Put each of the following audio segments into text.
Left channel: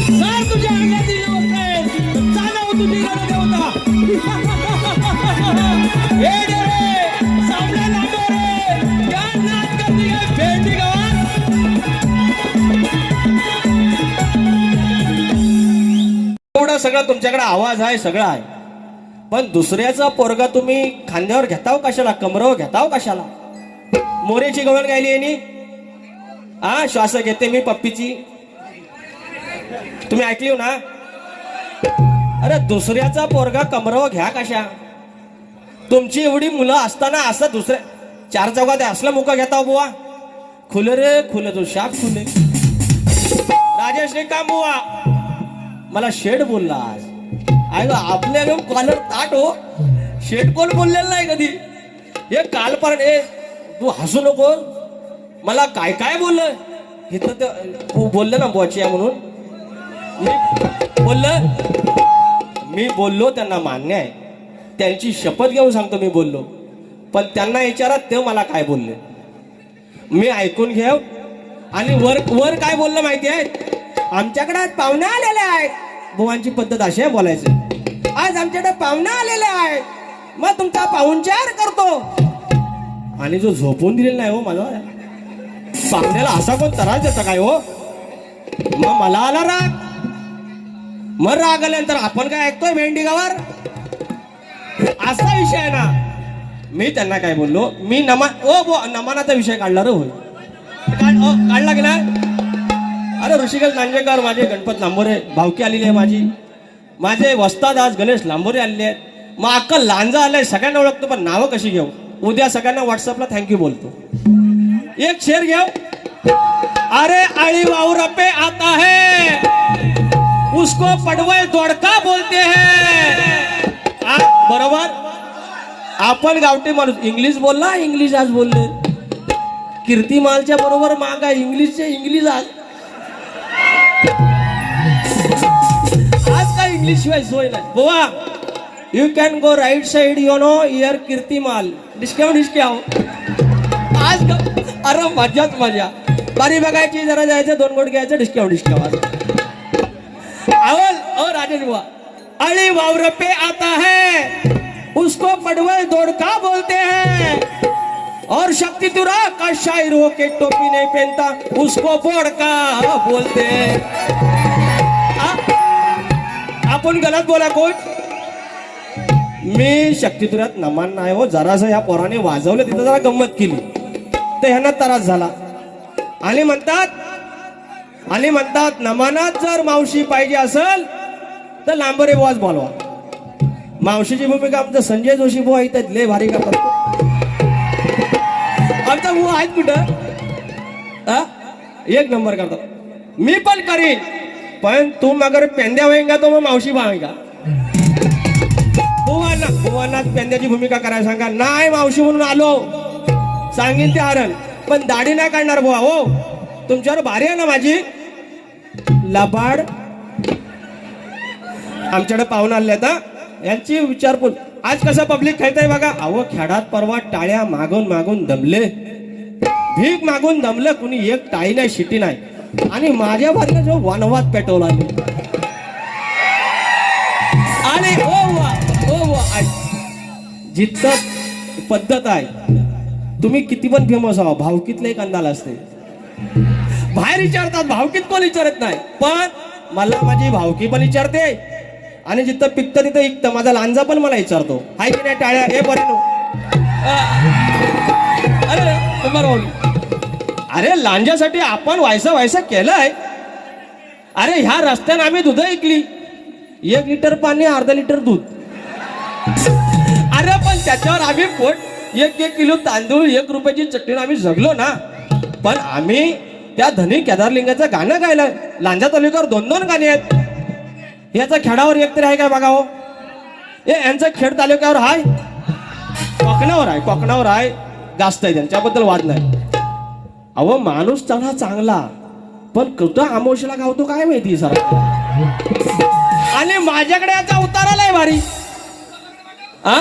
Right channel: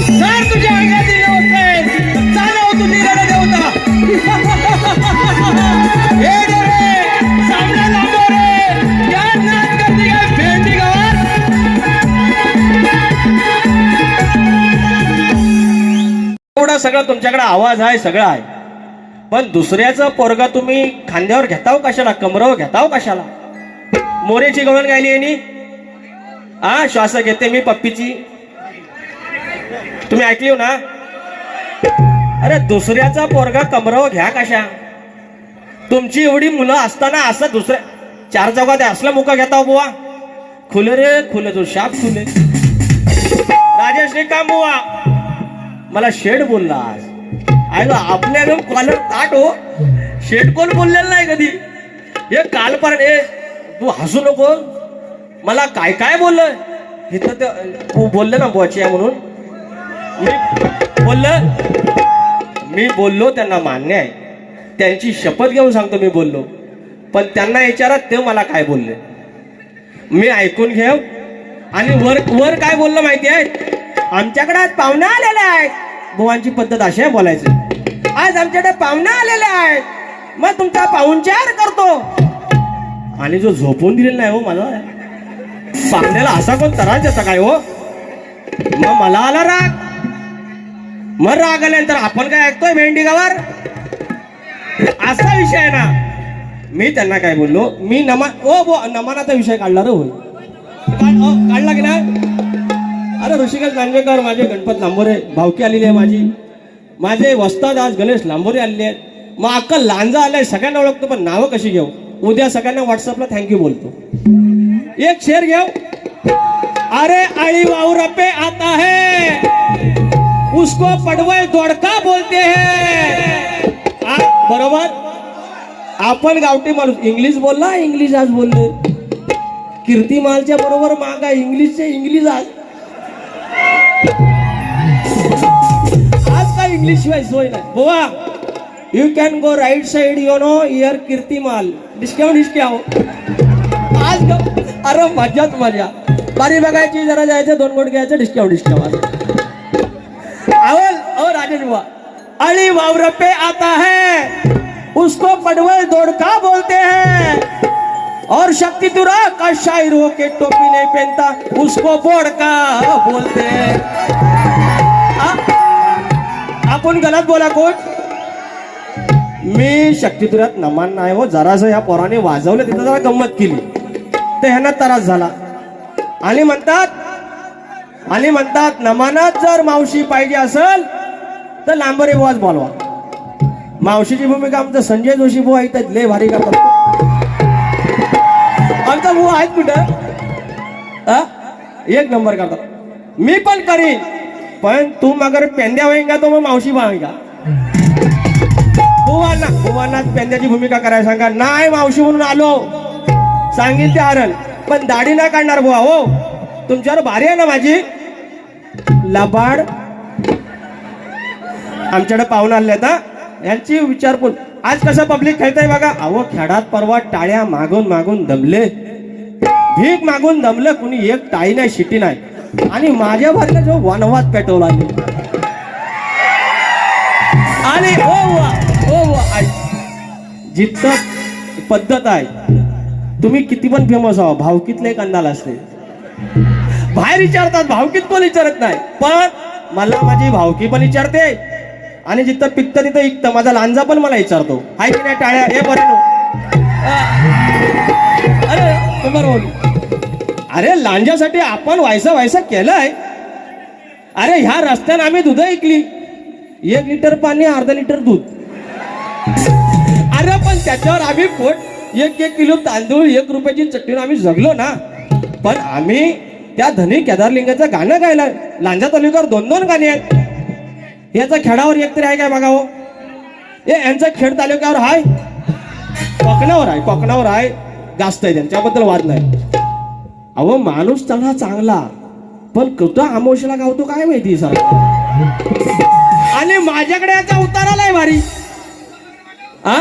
जर तुझ्या चालव तू देवता हे सामना लांबो रे. या नाच करते भेंडी गावात. एवढा सगळं तुमच्याकडे आवाज आहे सगळं आहे. पण दुसऱ्याचा पोरगा तुम्ही खांद्यावर घेताव कशाला कमरावर घेताव कशाला? मोरेची गवळण गायली यांनी? हा श्वास घेते मी पप्पीची. तुम्ही ऐकली हो ना? अरे दुसऱ्याचा पोरगा कमराव घ्या कशा? तुमची एवढी मुलं असताना असं दुसऱ्या चार चौकात असला मुका घेता हो बुवा. खुले रे खुल तू शाप खुले. राजेश रे काम बुवा मला शेड बोलला आज. आयला आपल्या एकदम कॉलर ताट हो. शेड कोण बोललेलं नाही कधी? हे काल पण ए तू हसू नको. मला काय काय बोललं? इथं तर बोललं ना बोची आहे म्हणून? मी बोललं? मी बोललो त्यांना मान्य आहे. त्यांची शपथ घेऊन सांगतो मी बोललो. पण त्यांना विचारा ते मला काय बोलले? मी ऐकून घेऊ. आणि वर वर काय बोललं माहिती आहे? आमच्याकडे आज पाहुणा आलेला आहे बुवांची पद्धत अशी आहे बोलायची. आज आमच्याकडे पाहुणा आलेला आहे मग तुमचा पाहुणचार करतो. आणि जो झोपून दिलेला नाही हो मला पाहुण्याला असा कोण त्रास देता काय हो? मग मला आला राग. मग राग आल्यानंतर आपण काय ऐकतोय भेंडी गावार असा विषय आहे ना. मी त्यांना काय बोललो? मी नमा ओ बो नमनाचा विषय काढला रे काढला गेला अरे ऋषिकेश लांजेकर माझे गणपत लांबोरे भावकी आलेली आहे माझी. माझे वस्ताद आज गणेश लांबोरे आलेले आहेत. मग अक्कल लांजा आलाय सगळ्यांना ओळखतो पण नावं कशी घेऊ? उद्या सगळ्यांना व्हॉट्सअपला थँक्यू बोलतो. एक शेर घेऊ. अरे आई वाउरा आता है. उसको पडवल दोडका बोलते है। बरोबर? आपण गावठी माणूस इंग्लिश बोलला इंग्लिश आज बोललो. कीर्तिमालच्या बरोबर मागा आहे इंग्लिशचे इंग्लिश आज. आज काय इंग्लिश शिवाय सोय नाही. बोवा you can go right side you know year कीर्तिमाल discount discount आज अरे मजाच मजा. बारी बघायची जरा जायचं दोन गोट घ्यायचं डिस्काउंट डिस्काउंट ओ हुआ अली वावर पे आता है। उसको पडवल दोड़का बोलते हैं। और शक्ति तुरा का शायर हो के टोपी नहीं पहनता उसको बोड़का बोलते हैं। आ- आपण गलत बोला कोच मी शक्तितुरात नमान नाही हो जरासं या पोराने वाजवलं तिथं जरा गंमत केली. तर ह्यांना त्रास झाला. आणि म्हणतात आणि म्हणतात नमानात जर मावशी पाहिजे असेल तर लांबरे बुवाच बोलवा. मावशीची भूमिका आमचं संजय जोशी बुवा इथं लय भारी करतात. आमचा बुवा आहेत कुठं? एक नंबर करतात. मी पण करीन पण तू मगर पेंद्या होईन का तो मग मावशी भावेगा बुवांना बुवांना पेंद्याची भूमिका करायला सांगा. नाही मावशी म्हणून आलो. सांगेल ते हरण. पण दाढी नाही काढणार बुवा हो. तुमच्यावर भारी आहे ना माझी? लबाड. आमच्याकडे पाहून आले आता यांची विचारपूस. आज कसं पब्लिक खेळतंय बघा. अहो खेळात परवा टाळ्या मागून मागून दमले. भीक मागून दमलं कुणी एक टाळी नाही शिटी नाही. आणि माझ्या भरला जो वनवाद पेटवला आहे. आणि हो वा हो पद्धत आहे तुम्ही किती पण फेमस आहो भावकीतले एक अंदाज असते. बाहेर विचारतात भावकीत कोण विचारत नाही? पण मला माझी भावकी पण विचारते. आणि जिथं पित्त तिथं इकत माझा लांजा पण मला विचारतो. हाय की नाही टाळ्या? हे बरं अरे बरोबर अरे लांजासाठी आपण व्हायसा व्हायसा केलाय. अरे ह्या रस्त्याने आम्ही दूध ऐकली एक लिटर पाणी अर्धा लिटर दूध. अरे पण त्याच्यावर आम्ही पोट एक एक किलो तांदूळ एक रुपयाची चटणी आम्ही जगलो ना. पण आम्ही त्या धनी केदारलिंगाचं गाणं गायला. लांजा तालुक्यावर दोन दोन गाणी आहेत. याचा खेळावर एक तरी आहे काय बघा हे यांचा खेड तालुक्यावर आहे कोकणावर आहे कोकणावर आहे जास्त आहे त्यांच्याबद्दल वाद नाही. अहो माणूस चांगला चांगला. पण कुठं आमोशला गावतो काय माहिती सर आणि माझ्याकडे याचा उताराला आलाय भारी. हा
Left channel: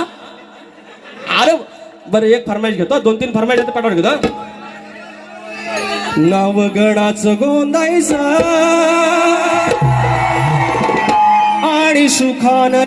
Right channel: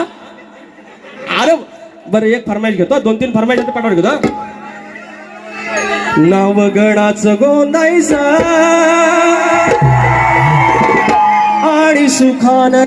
अरे बरं एक फरमाईश घेतो दोन तीन फरमाईश पाठवून घेतो. नवगडाच गोंदायचा Sukhana